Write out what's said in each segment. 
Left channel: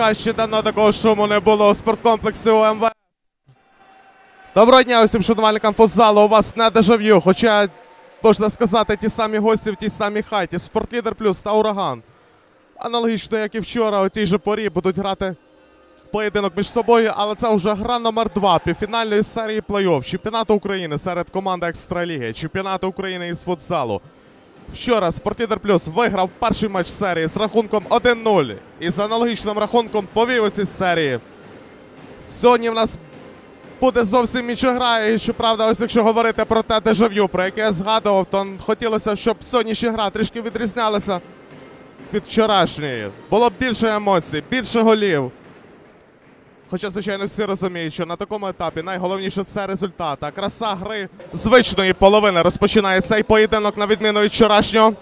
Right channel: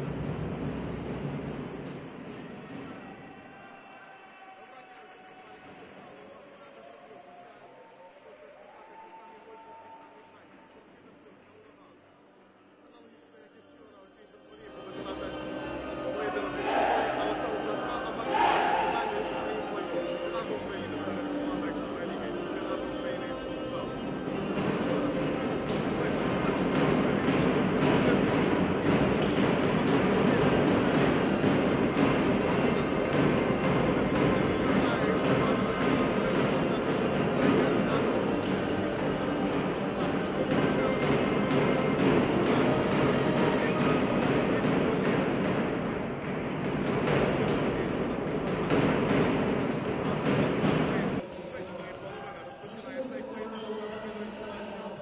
Чесно кажучи, давно такого шуму не було у спорткомплексі УМВ. Доброго дня усім шанувальникам футзалу. У вас не дежав'ю, хоча, можна сказати, ті самі гості в тій самій хаті. Спортлідер плюс та ураган. Аналогічно, як і вчора, у тій же порі будуть грати поєдинок між собою, але це вже гра номер 2 півфінальної серії плей-офф чемпіонату України серед команд Екстраліги, чемпіонату України із футзалу. Вчора Спортлідер Плюс виграв перший матч серії з рахунком 1-0 і з аналогічним рахунком повів у цій серії. Сьогодні в нас буде зовсім інша гра. І щоправда, ось якщо говорити про те дежав'ю, про яке я згадував, то хотілося, щоб сьогоднішня гра трішки відрізнялася від вчорашньої. Було б більше емоцій, більше голів. Хоча, звичайно, всі розуміють, що на такому етапі найголовніше це результат. А краса гри звичної половини розпочинає цей поєдинок на відміну від вчорашнього.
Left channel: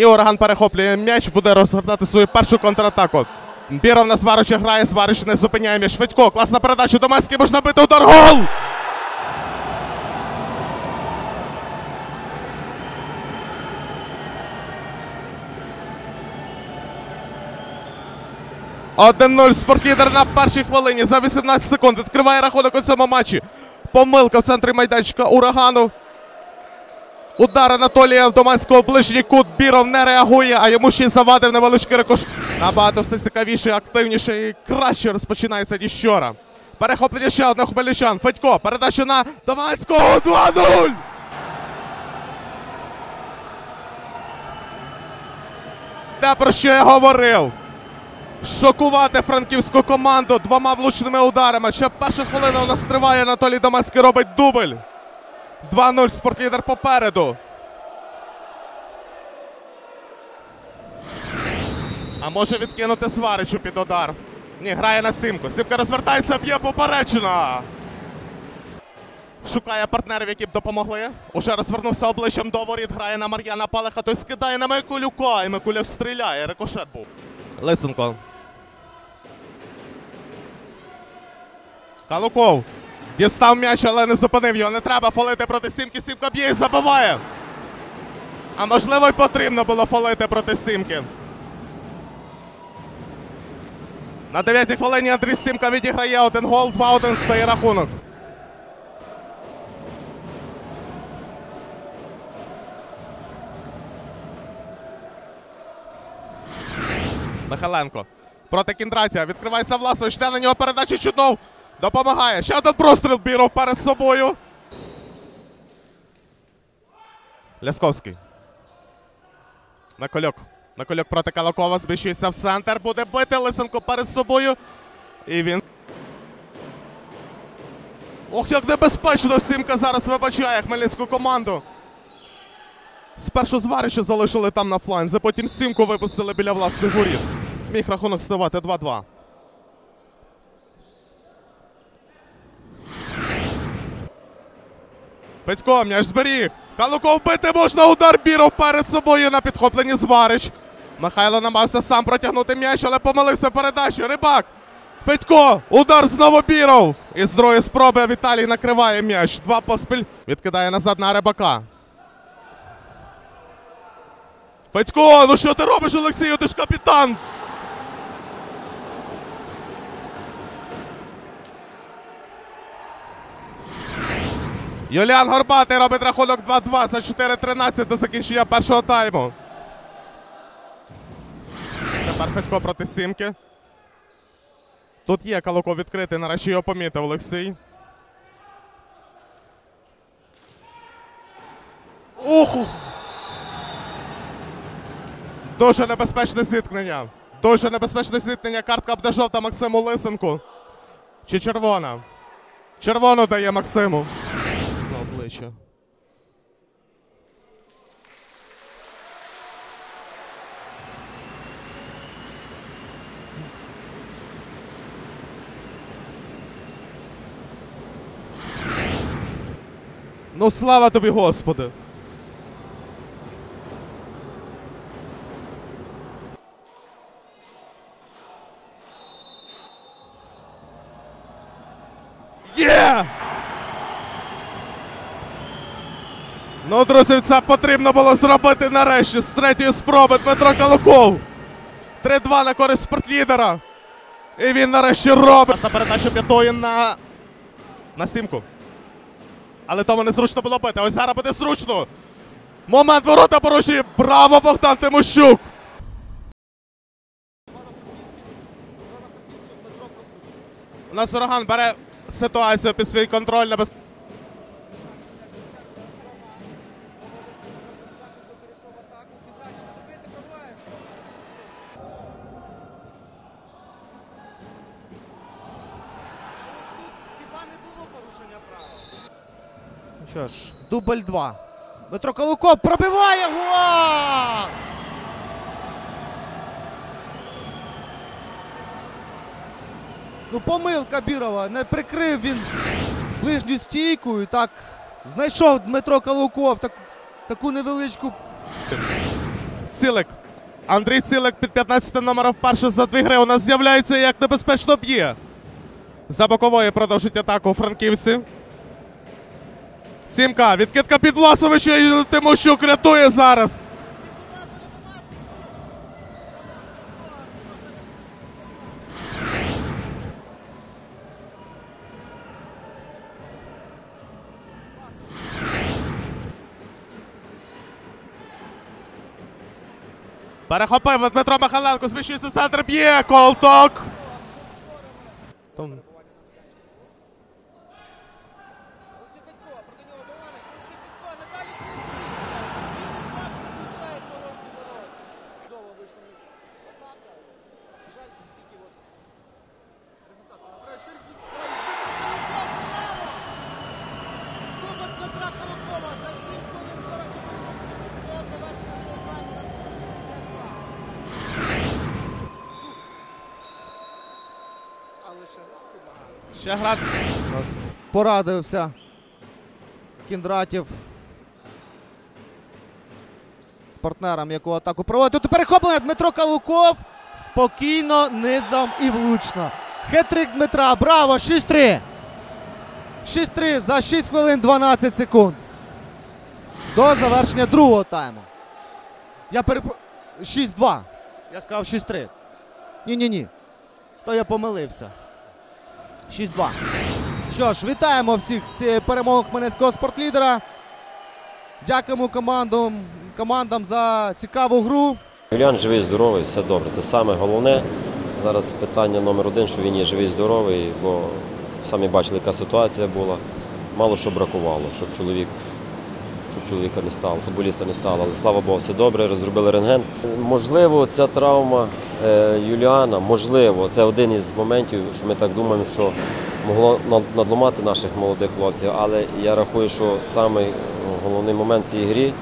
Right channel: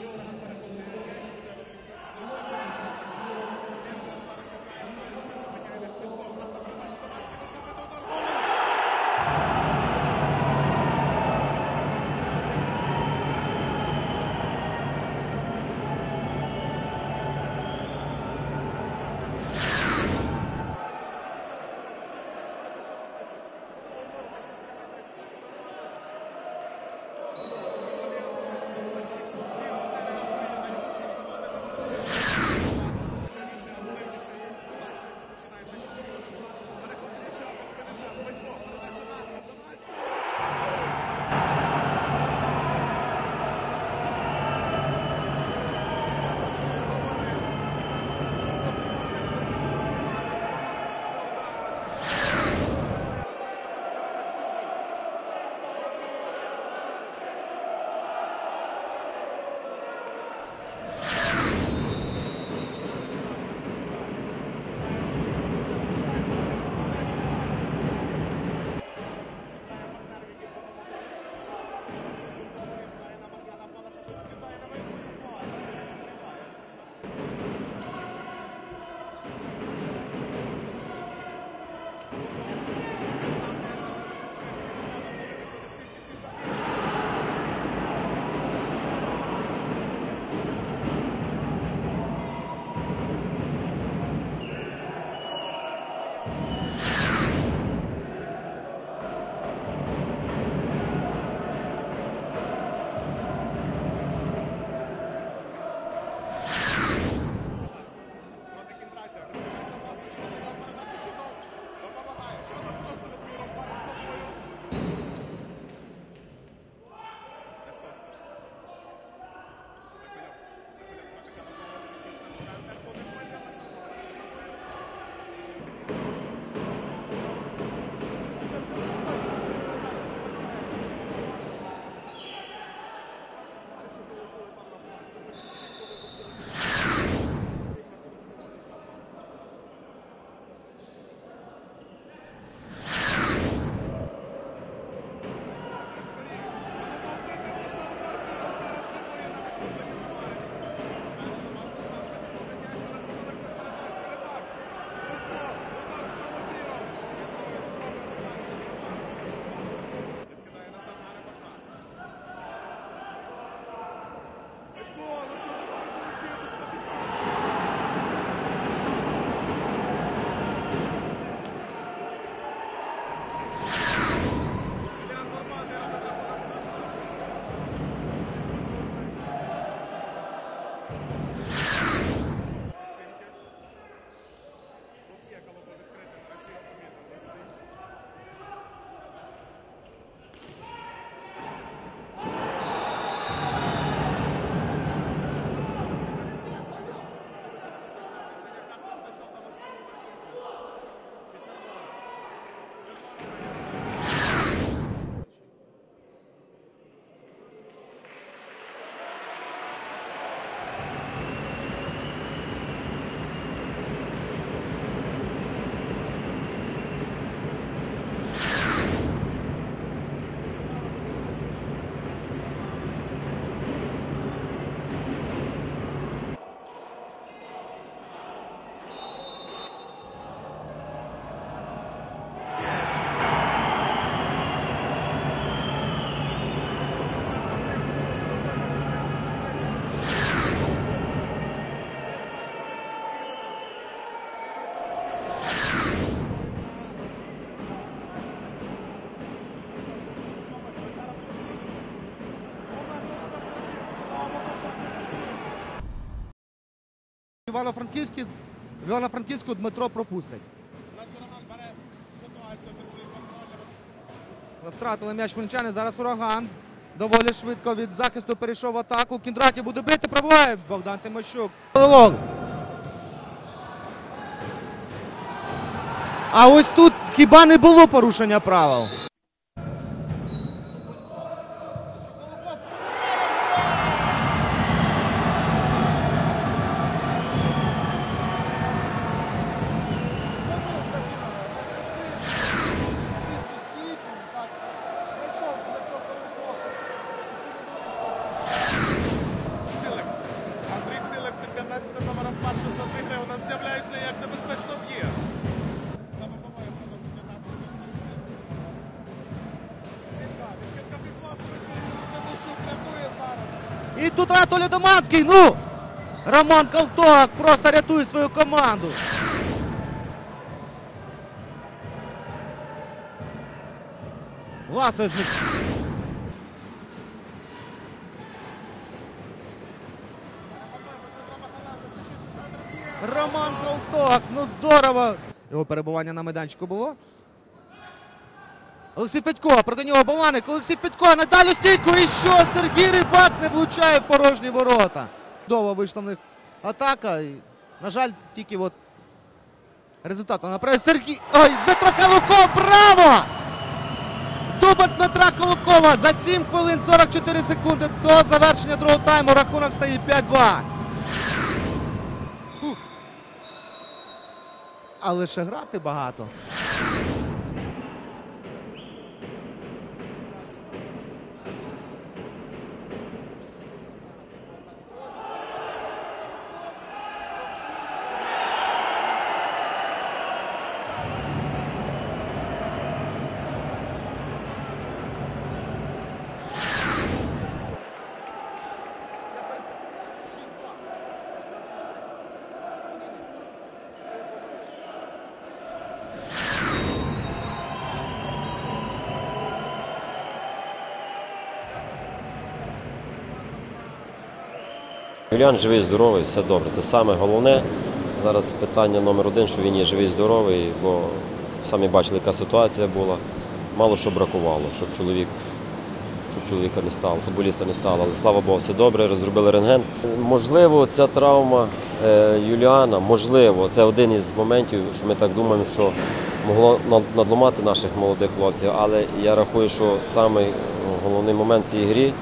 І ураган перехоплює м'яч, буде розгортати свою першу контратаку. Біров на Сварича грає, Сварич не зупиняє м'яч. Швидко, класна передача, Доманський можна бити удар, гол! Один 0 спортлідер на першій хвилині за 18 секунд. Відкриває рахунок у цьому матчі. Помилка в центрі майданчика урагану. Удар Анатолія Доманського ближній кут. Біров не реагує, а йому ще й завадив невеличкий рикош. Набагато все цікавіше, активніше і краще розпочинається ніж вчора. Перехоплення ще одного хмельничан. Федько, передача на Доманського 2-0. Те, про що я говорив. Шокувати франківську команду двома влучними ударами. Ще перша хвилина у нас триває. Анатолій Доманський робить дубль. 2-0 спортлідер попереду. А може відкинути Сваричу під удар. Ні, грає на Симку. Симка розвертається, б'є поперечина. Шукає партнерів, які б допомогли. Уже розвернувся обличчям до воріт. Грає на Мар'яна Палеха. Той скидає на Микулюка. І Микуляк стріляє. Рикошет був. Лисенко. Калуков. Дістав м'яч, але не зупинив його. Не треба фолити проти Сімки. Сімка б'є і забиває. А можливо, й потрібно було фолити проти Сімки. На 9-й хвилині Андрій Сімка відіграє один гол, 2-1 стає рахунок. Михайленко. Проти Кіндратія. Відкривається Власович. Йде на нього передача чудов. Допомагає. Ще один простріл Біров перед собою. Лясковський. Накольок. Накольок проти Калакова. Зміщується в центр. Буде бити Лисенко перед собою. І він. Ох, як небезпечно Сімка зараз вибачає хмельницьку команду. Спершу зварича залишили там на фланзі, потім сімку випустили біля власних воріт. Міг рахунок ставати 2-2. Петько, м'яч зберіг. Калуков бити можна удар Біров перед собою на підхопленні Зварич. Михайло намагався сам протягнути м'яч, але помилився передачі. Рибак. Федько, удар знову Біров. І з другої спроби Віталій накриває м'яч. Два поспіль. Відкидає назад на Рибака. Федько, ну що ти робиш, Олексію? Ти ж капітан. Юліан Горбатий робить рахунок 2-2 за 4-13 до закінчення першого тайму. Тепер Федько проти Сімки. Тут є Калуко відкритий, нарешті його помітив Олексій. Ух! Дуже небезпечне зіткнення. Дуже небезпечне зіткнення. Картка буде жовта Максиму Лисенку. Чи червона? Червону дає Максиму. За обличчя. Ну слава тобі, Господи! Є! Ну, друзі, це потрібно було зробити нарешті з третьої спроби Дмитро Калуков. 3-2 на користь спортлідера. І він нарешті робить. Передача п'ятої на, на сімку. Але тому незручно було бити. Ось зараз буде зручно. Момент ворота порушує. Браво, Богдан Тимощук. Івано-Франківський Івано-Франківську Дмитро пропустить. У нас ураган бере ситуацію під свій контроль на без... Втратили м'яч хмельничани, зараз ураган. Доволі швидко від захисту перейшов в атаку. Кіндраті буде бити, пробиває Богдан Тимощук. Головол. А ось тут хіба не було порушення правил? Що ж, дубль 2. Дмитро Колоков пробиває гол! Ну, помилка Бірова. Не прикрив він ближню стійку і так знайшов Дмитро Калуков так, таку невеличку. Цілик. Андрій Цілик під 15 номером вперше за дві гри у нас з'являється як небезпечно б'є. За бокової продовжують атаку франківці. Сімка. Відкидка під Власовича і Тимощук рятує зараз. І тут Анатолій Доманський. Ну! Роман Калток просто рятує свою команду. Власович Перехопив Дмитро Михайленко, зміщується центр, б'є колток. Колток, ну здорово. Його перебування на майданчику було. Олексій Федько, проти нього Баланик. Олексій Федько на дальню стійку. І що? Сергій Рибак не влучає в порожні ворота. Довго вийшла в них атака. І, на жаль, тільки от результату направив Сергій. Ой, Дмитро Калуков, браво! Дубль Дмитра Колокова за 7 хвилин 44 секунди до завершення другого тайму. Рахунок стає 5-2. Але ще грати багато. Ще грати. Порадився Кіндратів з партнером, яку атаку проводить. Тут перехоплення Дмитро Калуков. Спокійно, низом і влучно. Хетрик Дмитра. Браво! 6-3. 6-3 за 6 хвилин 12 секунд. До завершення другого тайму. Я перепро... 6-2. Я сказав 6-3. Ні-ні-ні. То я помилився. 6-2. Що ж, вітаємо всіх з цією хмельницького спортлідера. Дякуємо командам, командам за цікаву гру. Юліан живий, здоровий, все добре. Це саме головне. Зараз питання номер один, що він є живий, здоровий, бо самі бачили, яка ситуація була. Мало що бракувало, щоб чоловік, щоб чоловіка не стало, футболіста не стало. Але слава Богу, все добре, розробили рентген. Можливо, ця травма е, Юліана, можливо, це один із моментів, що ми так думаємо, що могло над- надломати наших молодих хлопців. Але я рахую, що ну, головний момент цій грі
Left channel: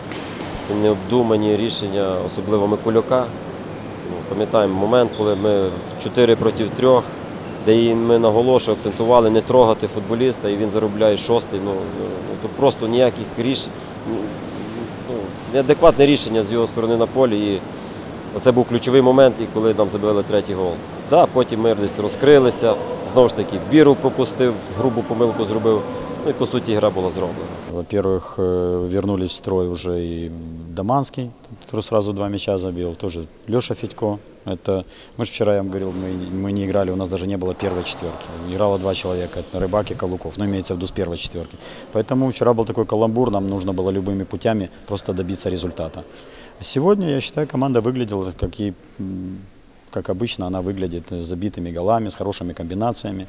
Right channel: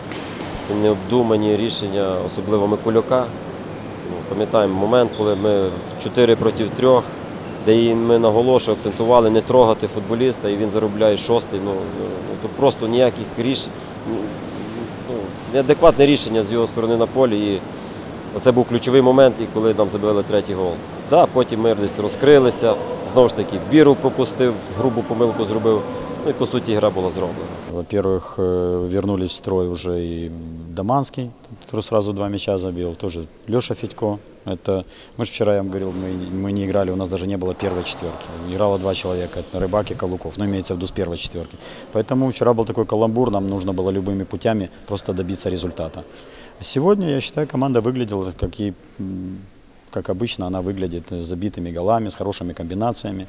це необдумані рішення, особливо Микулюка. Ну, Пам'ятаємо момент, коли ми в 4 проти 3, де ми наголошували, акцентували не трогати футболіста, і він заробляє шостий. Ну, ну, тут просто ніяких рішень, ну, неадекватне рішення з його сторони на полі. І Оце був ключовий момент, і коли нам забили третій гол. Да, потім ми десь розкрилися, знову ж таки, біру пропустив, грубу помилку зробив. Ну і по суті гра була зроблена. Во-первых, э, вернулись в строй уже и Доманский, который сразу два мяча забил, тоже Леша Федько. Это, мы же вчера, я вам говорил, мы, мы не играли, у нас даже не было первой четверки. Играло два человека, это Рыбак и Калуков, но имеется в виду с первой четверки. Поэтому вчера был такой каламбур, нам нужно было любыми путями просто добиться результата. Сегодня, я считаю, команда выглядела, как, и, как обычно она выглядит, с забитыми голами, с хорошими комбинациями.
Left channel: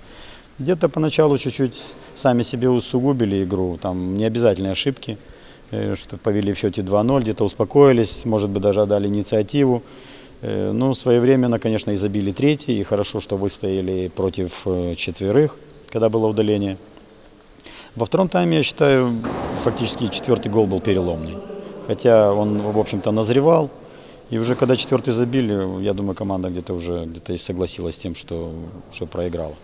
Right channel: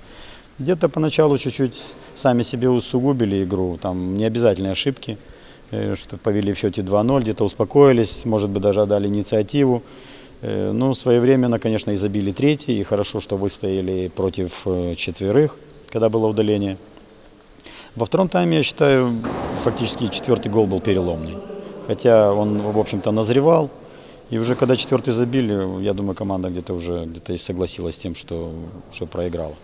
Где-то поначалу чуть-чуть сами себе усугубили игру, там не обязательные ошибки, э, что повели в счете 2-0, где-то успокоились, может быть, даже отдали инициативу. Э, Ну, своевременно, конечно, и забили третий, и хорошо, что выстояли против э, четверых, когда было удаление. Во втором тайме, я считаю, фактически четвертый гол был переломный. Хотя он, в общем-то, назревал. И уже когда четвертый забили, я думаю, команда где-то уже где-то и согласилась с тем, что что проиграла.